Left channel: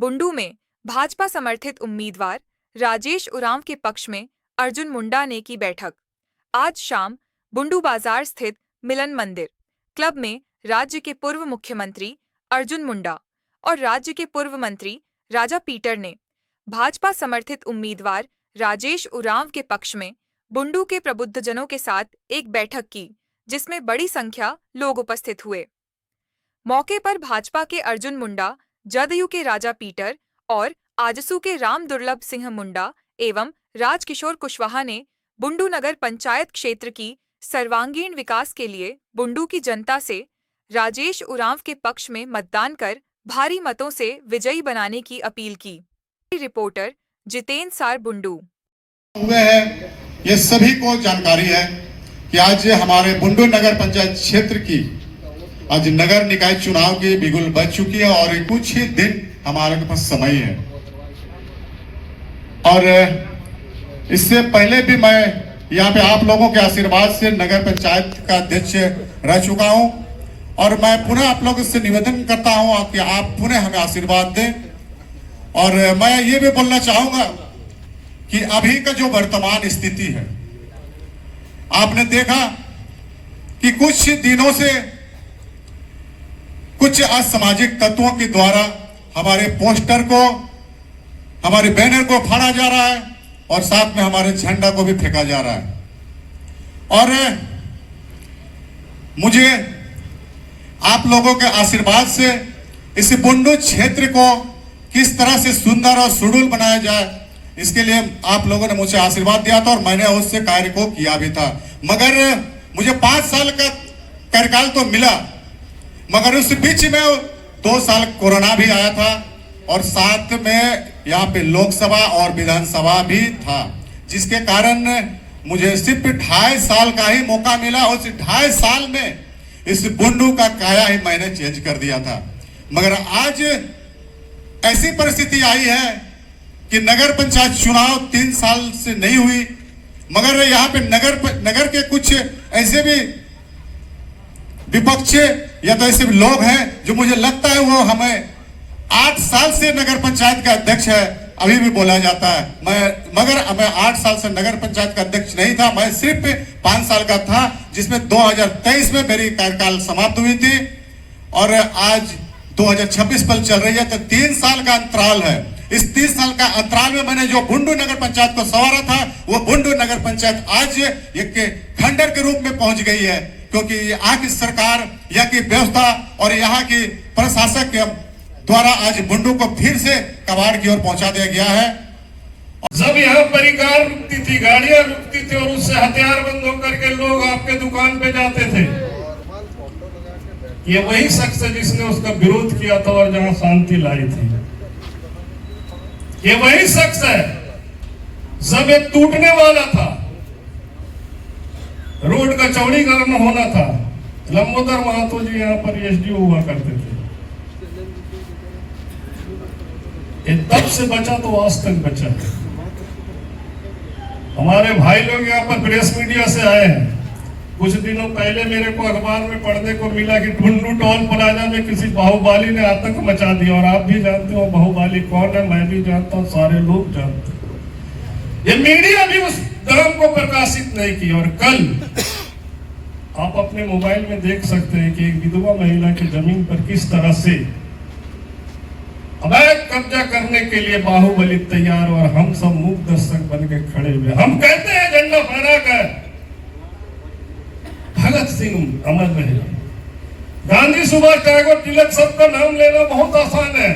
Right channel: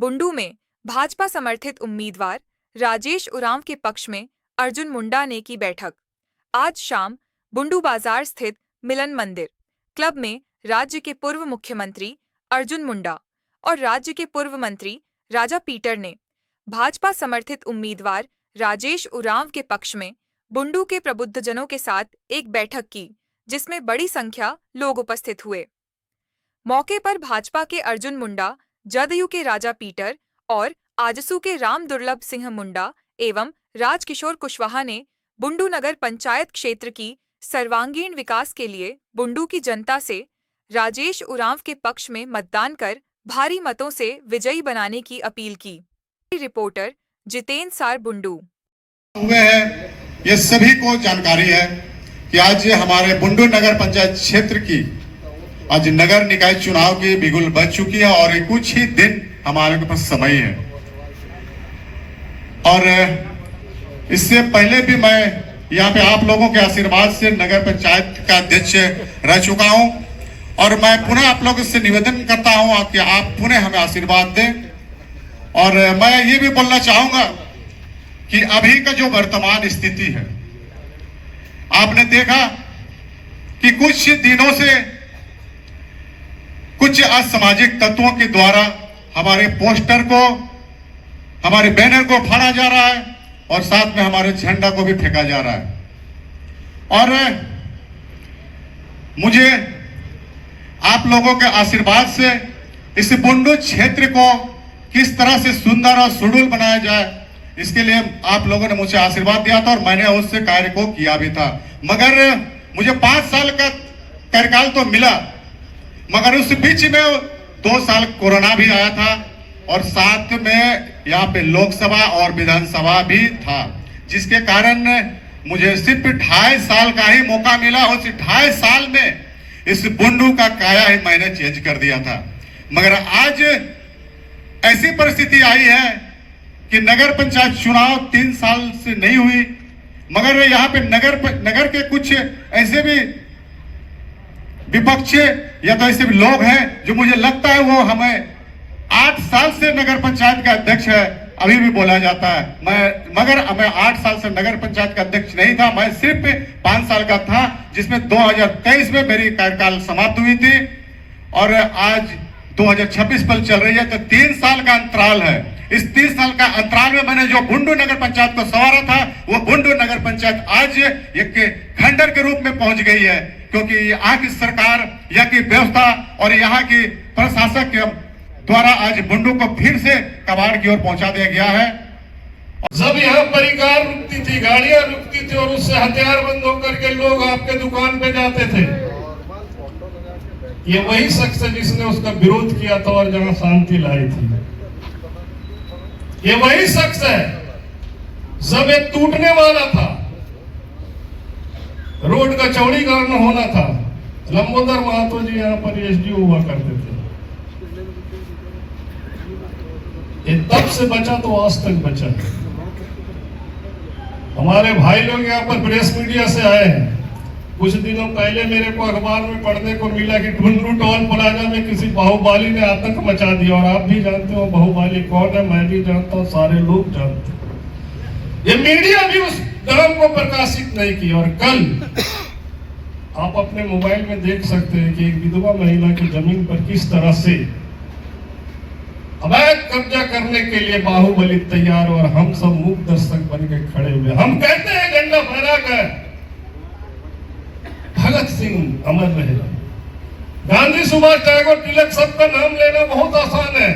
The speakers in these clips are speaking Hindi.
बुंडू में भाजपा समर्थित उम्मीदवार राजेश उरांव के पक्ष में अर्जुन मुंडा ने की बैठक। आज शाम बुंडू बाजार स्थित मिलन मंदिर क्लब में राज्य के पूर्व मुख्यमंत्री अर्जुन मुंडा और राज्य के पूर्व मंत्री राजा पीटर ने भाजपा समर्थित उम्मीदवार राजेश उरांव के पक्ष में बुंडू के प्रबुद्धजनों के साथ एक बैठक की, जिसमें बड़ी संख्या लोग उपस्थित हुए। मौके पर भाजपा के अर्जुन मुंडा, जदयू के राजा पीटर और आजसू के राम दुर्लभ सिंह मुंडा एवं राजकिशोर कुशवाहा ने बुंडू नगर पंचायत क्षेत्र की सर्वांगीण विकास के लिए बुंडू की जनता से राजेश उरांव के पक्ष में मतदान कर भारी मतों से विजयी बनाने की अपील की। रिपोर्टर जितेंद्र सार, बुंडू। हुए हैं, ये सभी को जानकारी है कि आज हमारे बुंडू नगर पंचायत क्षेत्र की आज नगर निकाय चुनाव की बिगुल बज चुकी है और कुछ ही दिन हमारे पास समय है। और इससे पहले भी मैं यहाँ पे आप लोगों के आशीर्वाद से नगर पंचायत का अध्यक्ष रह चुका हूँ और मैं पुनः आप लोगों से निवेदन करता हूँ कि आप पुनः हमें आशीर्वाद दें। और मैं ये भी बोलना चाहूंगा कि अभी का जो वर्तमान स्थिति है, आपने देखा कि कुछ दिनों से कुछ असामाजिक तत्वों के द्वारा हमारे पोस्टर को, हमारे बैनर को फाड़ा जा रहा है और साथ में हमारे झंडा को भी फेंका जा रहा है। और मुझे आप लोगों के आशीर्वाद से इस बुंडू क्षेत्र को किस तरह से सुंदर और सुडौल बनाया जाए, इसके लिए आप लोगों ने मुझे आशीर्वाद दिया था और मैंने उससे कार्य को किया भी था। मगर मुझे 5 साल का कार्यकाल तो मिला, मगर उस बीच में 2 साल कोरोना भी आया था और साथ में यहाँ पे लोकसभा और विधानसभा भी था, जिसके कारण मुझे सिर्फ 2.5 साल का ही मौका मिला। उस 2.5 साल में इस बुंडू का काया ही मैंने चेंज कर दिया था। मगर आज ऐसी परिस्थिति आई है कि नगर पंचायत चुनाव 3 साल से नहीं हुई, मगर यहाँ पे नगर के कुछ ऐसे भी विपक्ष या तो ऐसे भी लोग हैं जो मुझे लगता है वो हमें 8 साल से नगर पंचायत का अध्यक्ष है, अभी भी बोला जाता है। मगर मैं 8 साल से नगर पंचायत का अध्यक्ष नहीं था, मैं सिर्फ 5 साल का था, जिसमें 2023 में मेरी कार्यकाल समाप्त हुई थी और आज 2026 पर चल रही है, तो 3 साल का अंतराल है। इस 3 साल का अंतराल में मैंने जो बुंडू नगर पंचायत को संवारा था, वो बुंडू नगर पंचायत आज एक खंडर के रूप में पहुंच गई है, क्योंकि यहाँ की सरकार, यहाँ की व्यवस्था और यहाँ की प्रशासक द्वारा आज बुंडू को फिर से कबाड़ की ओर पहुंचा दिया गया है। जब यहाँ परिकार रुकती थी, गाड़ियां रुकती थी और उससे हथियार बंद होकर के लोग आपके दुकान पे जाते थे, ये वही शख्स है जिसने उसका विरोध किया था और जहां शांति लाई थी। ये वही शख्स है, सब एक टूटने वाला था, रोड का चौड़ीकरण होना था। लंबोदर महतो जी यहाँ पर एसडीओ हुआ करते थे, ये तब से बचा तो आज तक बचा है। हमारे भाई लोग यहाँ पर प्रेस मीडिया से आए हैं। कुछ दिनों पहले मेरे को अखबार में पढ़ने को मिला कि बुंडू टोल प्लाजा में किसी बाहुबली ने आतंक मचा दिया, और आप भी जानते हो बाहुबली कौन है, मैं भी जानता हूँ, सारे लोग जानते हैं। ये मीडिया भी उस नाम को प्रकाशित नहीं की। और कल आप अपने मोबाइल में देख सकते हैं कि एक विधवा महिला की जमीन पर किस तरह से अवैध कब्जा करने के लिए बाहुबली तैयार, और हम सब मूक दर्शक बन के खड़े हुए। हम कहते हैं झंडा फहराकर भगत सिंह अमर रहे, गांधी, सुभाष, टैगोर, तिलक, सबका नाम लेना बहुत आसान है,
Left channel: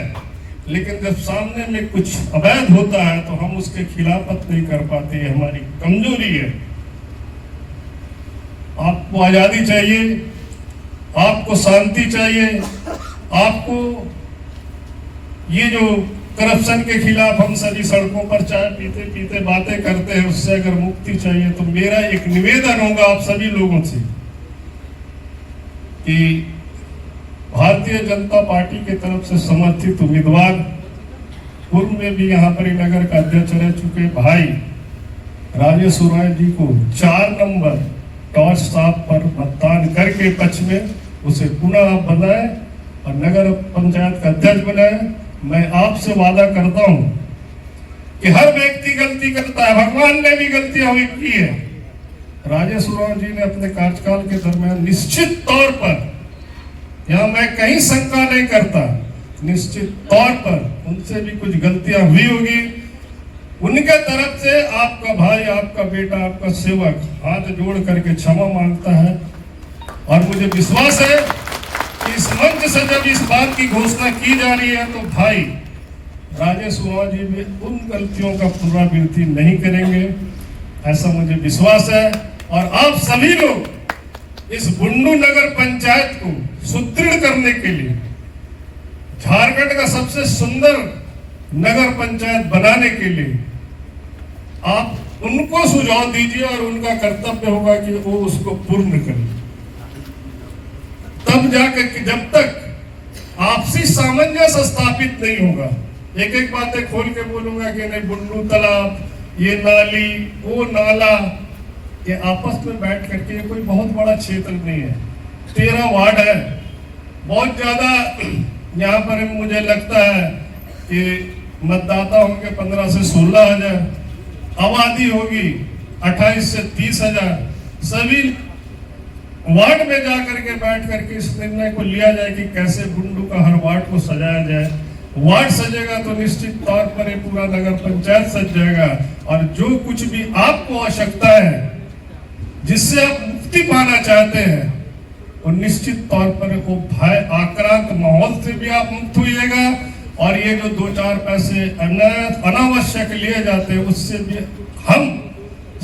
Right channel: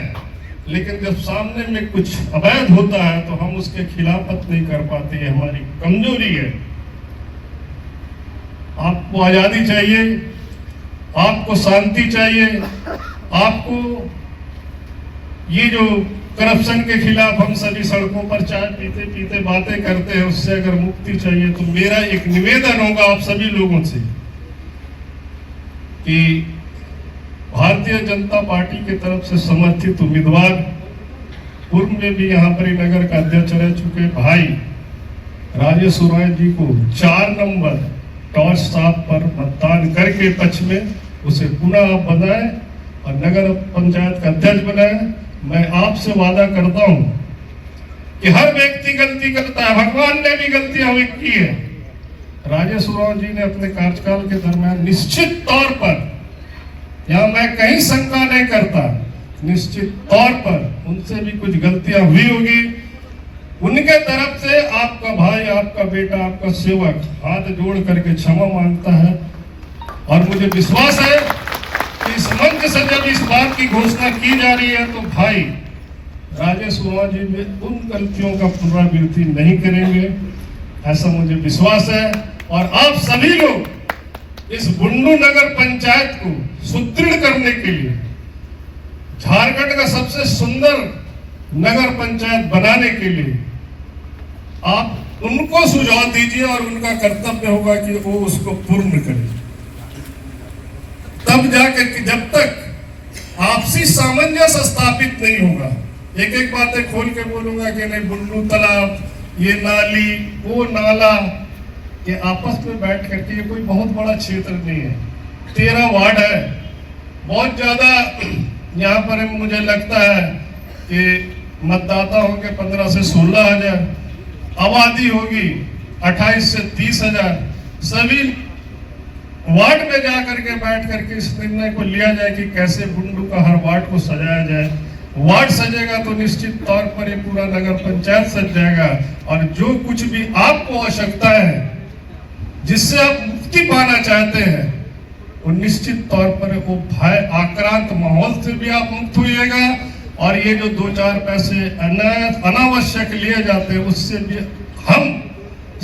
लेकिन जब सामने में कुछ अवैध होता है तो हम उसके खिलाफत नहीं कर पाते, ये हमारी कमजोरी है। आपको आजादी चाहिए, आपको शांति चाहिए, आपको ये जो करप्शन के खिलाफ हम सभी सड़कों पर चाय पीते पीते बातें करते हैं, उससे अगर मुक्ति चाहिए, तो मेरा एक निवेदन होगा आप सभी लोगों से कि भारतीय जनता पार्टी की तरफ से समर्थित उम्मीदवार, पूर्व में भी यहाँ पर नगर का अध्यक्ष रह चुके भाई राजेश उरांव जी को 4 नंबर टॉर्च साहब पर मतदान करके पक्ष में उसे पुनः बनाए और नगर पंचायत का अध्यक्ष बनाए। मैं आपसे वादा करता हूं कि हर व्यक्ति गलती करता है, भगवान ने भी गलतियां हुई की है। राजेश उरांव जी ने अपने कार्यकाल के दरमियान निश्चित तौर पर, यहां मैं कहीं शंका नहीं करता, निश्चित तौर पर उनसे भी कुछ गलतियां हुई होगी। उनके तरफ से आपका भाई, आपका बेटा, आपका सेवक हाथ जोड़ करके क्षमा मांगता है। और मुझे विश्वास है कि इस मंच से जब इस बात की घोषणा की जा रही है तो भाई राजेश उरांव जी भी उन गलतियों का पुनरावृत्ति नहीं करेंगे, ऐसा मुझे विश्वास है। और आप सभी लोग इस बुंडू नगर पंचायत को सुदृढ़ करने के लिए, झारखंड का सबसे सुंदर नगर पंचायत बनाने के लिए आप उनको सुझाव दीजिए और उनका कर्तव्य होगा कि वो उसको पूर्ण करें। तब जाकर कि जब तक आपसी सामंजस्य स्थापित नहीं होगा, एक एक बातें खोल के बोलूंगा कि नहीं बुंडू तालाब, ये नाली, वो नाला, ये आपस में बैठ करके, ये कोई बहुत बड़ा क्षेत्र नहीं है, 13 वार्ड है, बहुत ज्यादा यहाँ पर मुझे लगता है कि मतदाता होंगे 15 से 16 हजार, आबादी होगी 28 से 30 हजार। सभी वार्ड में जाकर के बैठ करके इस निर्णय को लिया जाए कि कैसे बुंडू का हर वार्ड को सजाया जाए। वार्ड सजेगा तो निश्चित तौर पर ये पूरा नगर पंचायत सज जाएगा। और जो कुछ भी आपको आवश्यकता है, जिससे आप मुक्ति पाना चाहते हैं, और निश्चित तौर पर वो भय आक्रांत माहौल से भी आप मुक्त होइएगा। और ये जो 2-4 पैसे अनावश्यक लिए जाते हैं, उससे भी हम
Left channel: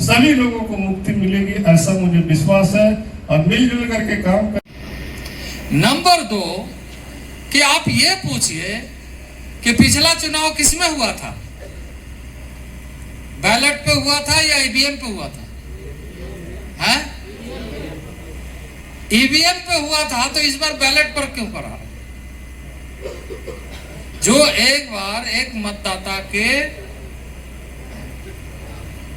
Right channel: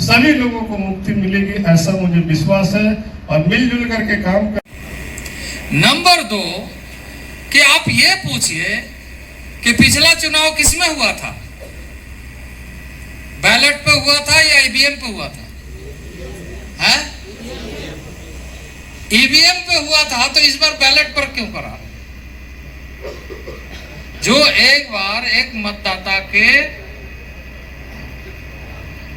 सभी लोगों को मुक्ति मिलेगी, ऐसा मुझे विश्वास है। और मिलजुल करके काम कर। नंबर 2 कि आप ये पूछिए कि पिछला चुनाव किसमें हुआ था, बैलेट पे हुआ था या ईवीएम पे हुआ था? है ईवीएम पे हुआ था, तो इस बार बैलेट पर क्यों करा? जो एक बार एक मतदाता के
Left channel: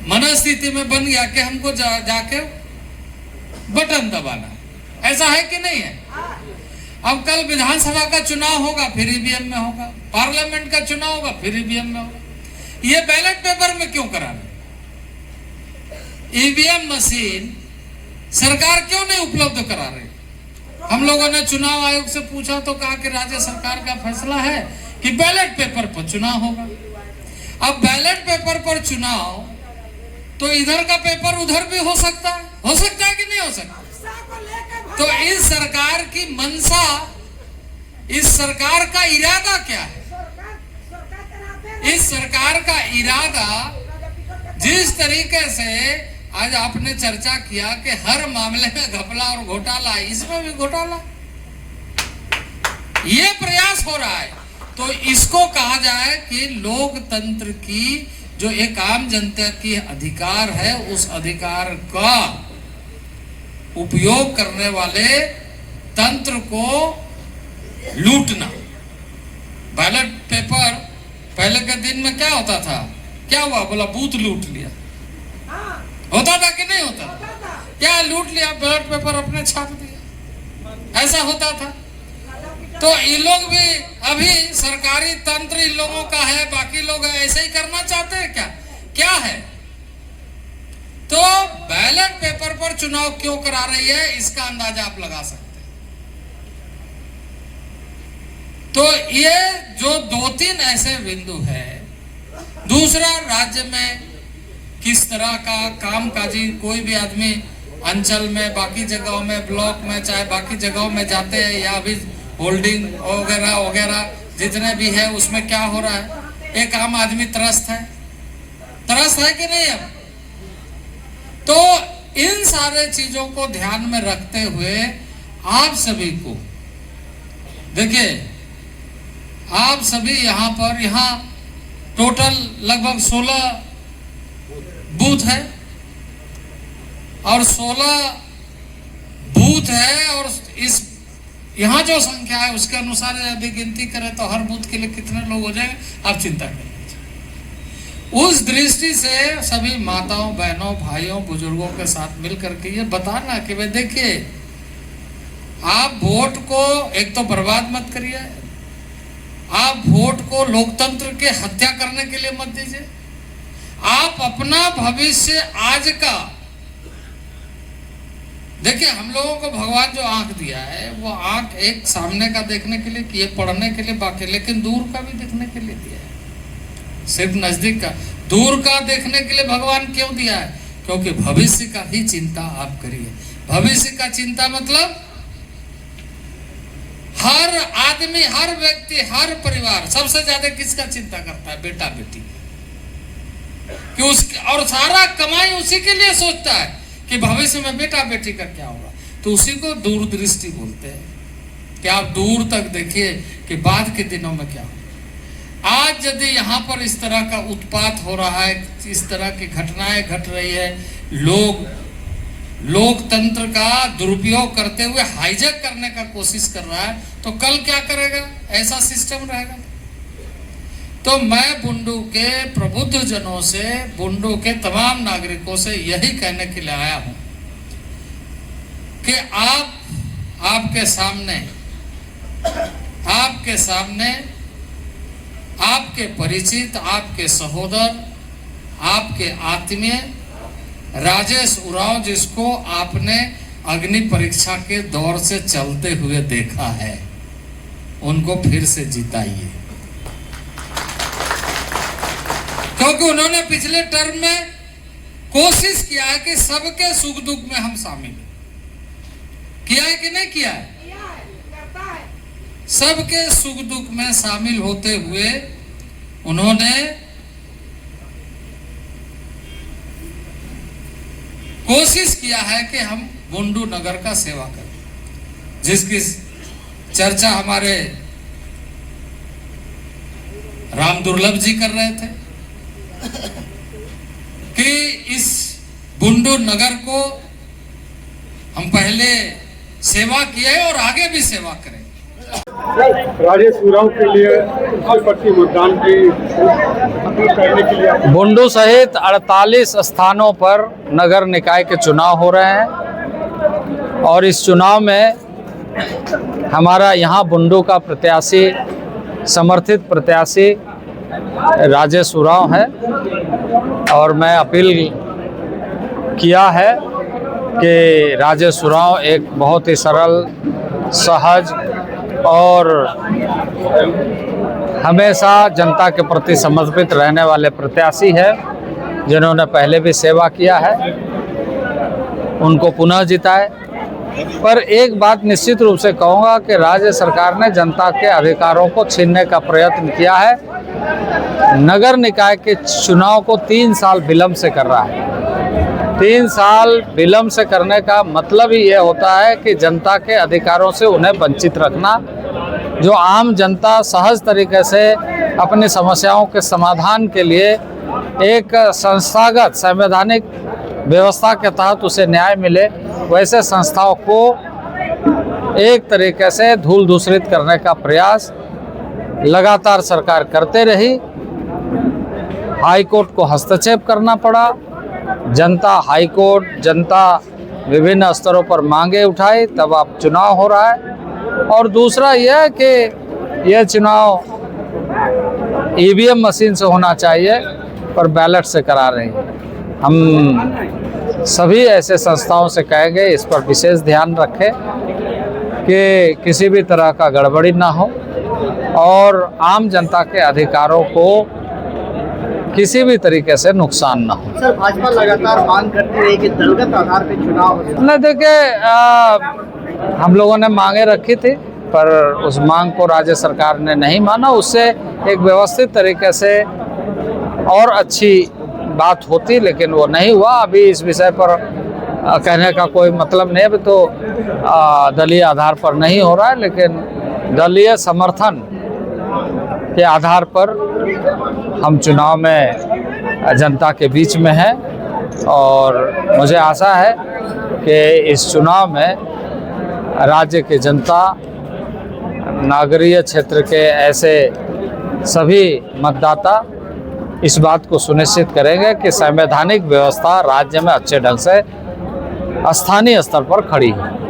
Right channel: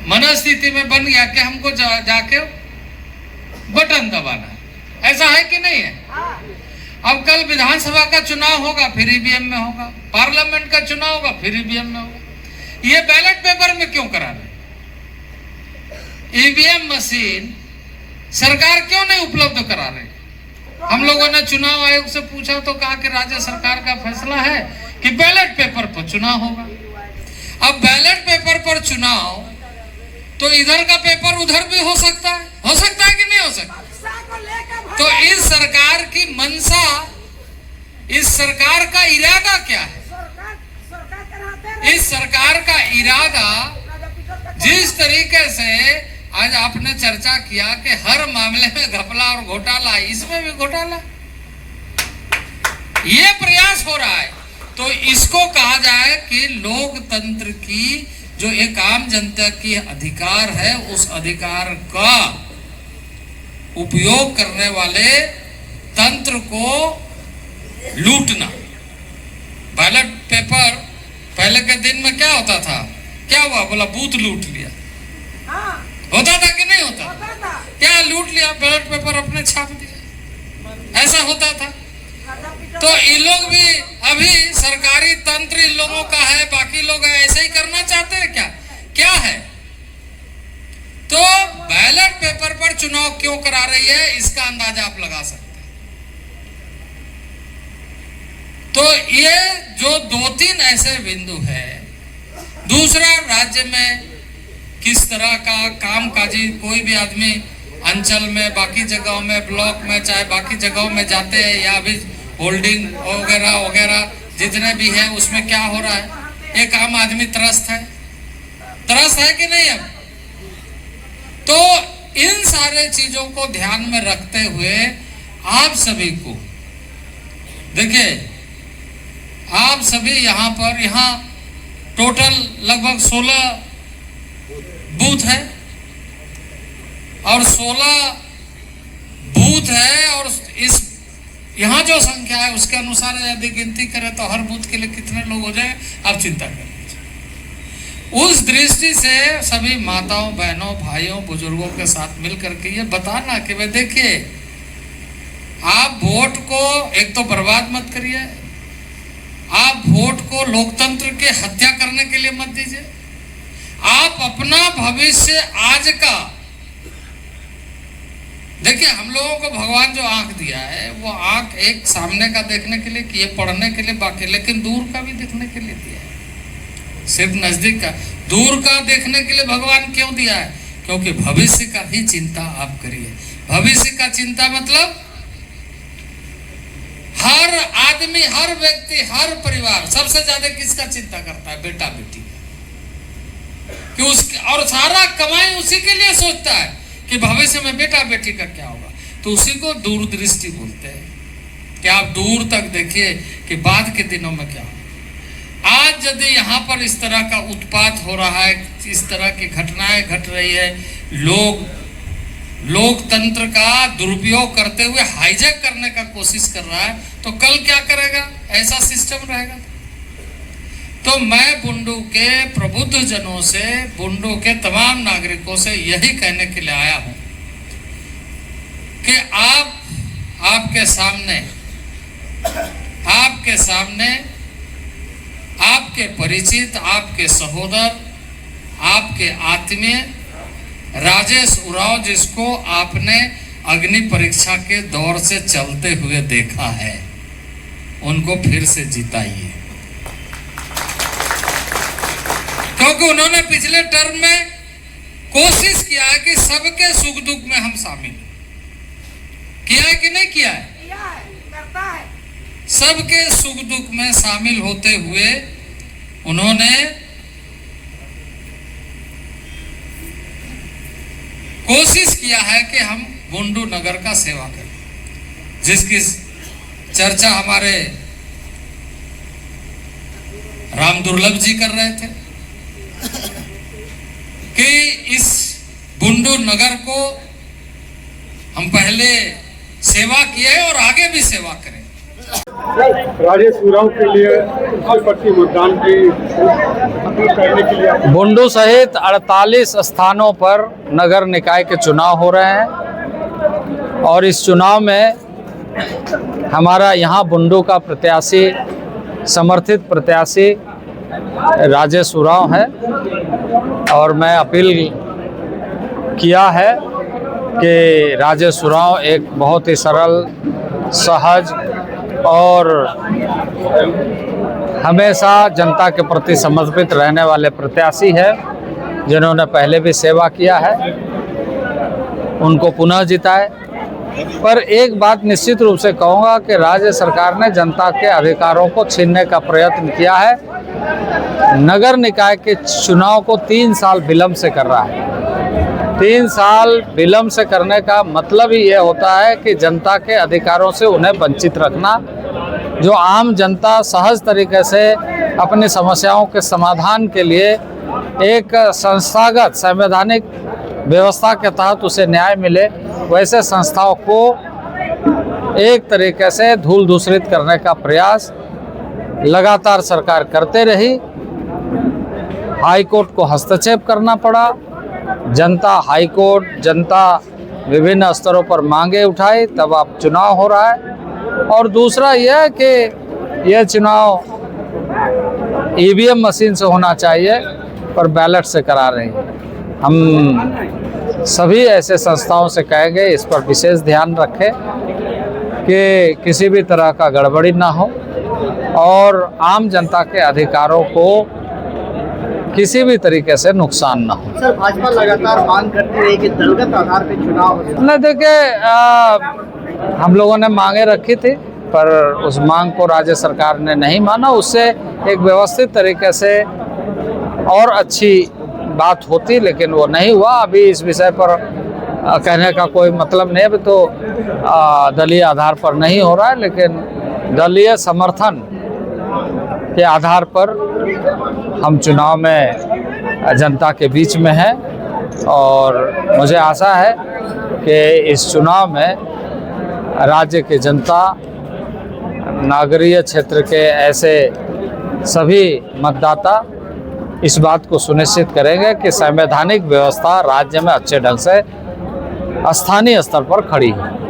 मनस्थिति में बन गया कि हमको जाके बटन दबाना, ऐसा है कि नहीं है? अब कल विधानसभा का चुनाव होगा, फिर ईवीएम में होगा, पार्लियामेंट का चुनाव होगा, फिर ईवीएम में होगा। ये बैलेट पेपर में क्यों कराना? ईवीएम मशीन सरकार क्यों नहीं उपलब्ध करा रही? हम लोगों ने चुनाव आयोग से पूछा तो कहा कि राज्य सरकार का फैसला है कि बैलेट पेपर पर चुनाव होगा। अब बैलेट पेपर पर चुनाव, तो इधर का पेपर उधर भी हो सकता है कि नहीं हो सकता? तो इस सरकार की मंशा, इस सरकार का इरादा क्या है? इस सरकार का इरादा, जिस तरीके से आज आपने चर्चा किया कि हर मामले में घपला और घोटाला, इसमें भी घोटाला, ये प्रयास हो रहा है। तो इसको कहा जाए कि लोकतंत्र की जो एक आम जनता की अधिकार है, उस अधिकार का उपयोग करने वाले तंत्र को लूटना। बैलेट पेपर पहले के दिन में क्या होता था? क्या हुआ? बोला बूथ लूट लिया, होता था कि नहीं होता? क्या लूट लिया? बैलेट पेपर अपने छाप दिया, ऐसा होता था। तो इन लोग भी अभी सरकारी तंत्र इन लोगों का है, बाकी लोग ऐसे ही करना चाहते हैं क्या? क्या है? तो बैलेट पेपर पर चुनाव क्यों करा रही है, इसका अंदाजा आप लगा सकते हैं। तो ये जो 2-3 ऐसे बिंदु है। दूसरा, राज्य में किस तरह का कामकाजी, कोई भी आदमी अंचल में, बाकी जगहों में, ब्लॉक में, चाहे बाकी जगहों में जाते हैं, या भी होल्डिंग वगैरह वगैरह जितने भी है, उसमें क्या हो रहा है? एक आम आदमी त्रस्त है कि नहीं है? तो इन सारे चीजों को ध्यान में रखते हुए आप सभी को देखिए, आप सभी यहाँ टोटल लगभग 16 बूथ है, और 16 बूथ है, और इस यहाँ जो संख्या है उसके अनुसार यदि गिनती करें तो हर बूथ के लिए कितने लोग हो जाए, आप चिंता करें। उस दृष्टि से सभी माताओं, बहनों, भाइयों, बुजुर्गों के साथ मिलकर के ये बताना कि भाई देखिए, आप वोट को एक तो बर्बाद मत करिए, आप वोट को लोकतंत्र के हत्या करने के लिए मत दीजिए। आप अपना भविष्य आज का देखिए, हम लोगों को भगवान जो आंख दिया है वो आंख एक सामने का देखने के लिए, किए पढ़ने के लिए बाकी, लेकिन दूर का भी देखने के लिए दिया है। सिर्फ नजदीक का, दूर का देखने के लिए भगवान क्यों दिया है? क्योंकि भविष्य का ही चिंता आप करिए। भविष्य का चिंता मतलब हर आदमी, हर व्यक्ति, हर परिवार सबसे ज्यादा किसका चिंता करता है? बेटा बेटी कि उसके, और सारा कमाई उसी के लिए सोचता है कि भविष्य में बेटा बेटी का क्या होगा। तो उसी को दूरदृष्टि बोलते हैं कि आप दूर तक देखिए कि बाद के दिनों में क्या होगा। आज यदि यहाँ पर इस तरह का उत्पात हो रहा है, इस तरह की घटनाएं घट रही है, लोग लोकतंत्र का दुरुपयोग करते हुए हाईजैक करने का कोशिश कर रहा है, तो कल क्या करेगा? ऐसा सिस्टम रहेगा। तो मैं बुंडू के प्रबुद्ध जनों से, बुंडू के तमाम नागरिकों से यही कहने के लिए आया हूं कि आपके सामने आपके परिचित, आपके सहोदर, आपके आत्मीय राजेश उरांव, जिसको आपने अग्नि परीक्षा के दौर से चलते हुए देखा है, उनको फिर से जिताइए। क्योंकि उन्होंने पिछले टर्म में कोशिश किया है कि सबके सुख दुख में हम शामिल किया है कि नहीं किया है? सबके सुख दुख में शामिल होते हुए उन्होंने कोशिश किया है कि हम बुंडू नगर का सेवा करें, जिसकी चर्चा हमारे राम दुर्लभ जी कर रहे थे कि इस बुंडू नगर को हम पहले सेवा किए और आगे भी सेवा करें। राजेश उरांव के लिए प्रति मतदान की अपील करने के लिए बुंडू सहित 48 स्थानों पर नगर निकाय के चुनाव हो रहे हैं और इस चुनाव में हमारा यहाँ बुंडू का प्रत्याशी, समर्थित प्रत्याशी राजेश उरांव है और मैं अपील किया है कि राजेश उरांव एक बहुत ही सरल, सहज और हमेशा जनता के प्रति समर्पित रहने वाले प्रत्याशी है, जिन्होंने पहले भी सेवा किया है, उनको पुनः जिताए। पर एक बात निश्चित रूप से कहूँगा कि राज्य सरकार ने जनता के अधिकारों को छीनने का प्रयत्न किया है। नगर निकाय के चुनाव को 3 साल विलम्ब से कर रहा है। 3 साल विलम्ब से करने का मतलब ही ये होता है कि जनता के अधिकारों से उन्हें वंचित रखना। जो आम जनता सहज तरीके से अपनी समस्याओं के समाधान के लिए एक संस्थागत संवैधानिक व्यवस्था के तहत उसे न्याय मिले, वैसे संस्थाओं को एक तरीके से धूल दूषित करने का प्रयास लगातार सरकार करते रही। हाई कोर्ट को हस्तक्षेप करना पड़ा, जनता हाई कोर्ट, जनता विभिन्न स्तरों पर मांगे उठाई, तब अब चुनाव हो रहा है। और दूसरा यह है कि यह चुनाव ईवीएम मशीन से होना चाहिए पर बैलेट से करा रही है। हम सभी ऐसे संस्थाओं से कहेंगे इस पर विशेष ध्यान रखें कि किसी भी तरह का गड़बड़ी ना हो और आम जनता के अधिकारों को किसी भी तरीके से नुकसान ना हो। सर, भाजपा लगातार मांग करती रही कि दलगत आधार पर चुनाव हो। नहीं, देखिए हम लोगों ने मांगे रखी थी पर उस मांग को राज्य सरकार ने नहीं माना। उससे एक व्यवस्थित तरीके से और अच्छी बात होती, लेकिन वो नहीं हुआ। अभी इस विषय पर कहने का कोई मतलब नहीं। अभी तो दलीय आधार पर नहीं हो रहा है, लेकिन दलीय समर्थन के आधार पर हम चुनाव में जनता के बीच में हैं और मुझे आशा है कि इस चुनाव में राज्य की जनता, नागरीय क्षेत्र के ऐसे सभी मतदाता इस बात को सुनिश्चित करेंगे कि संवैधानिक व्यवस्था राज्य में अच्छे ढंग से स्थानीय स्तर पर खड़ी है।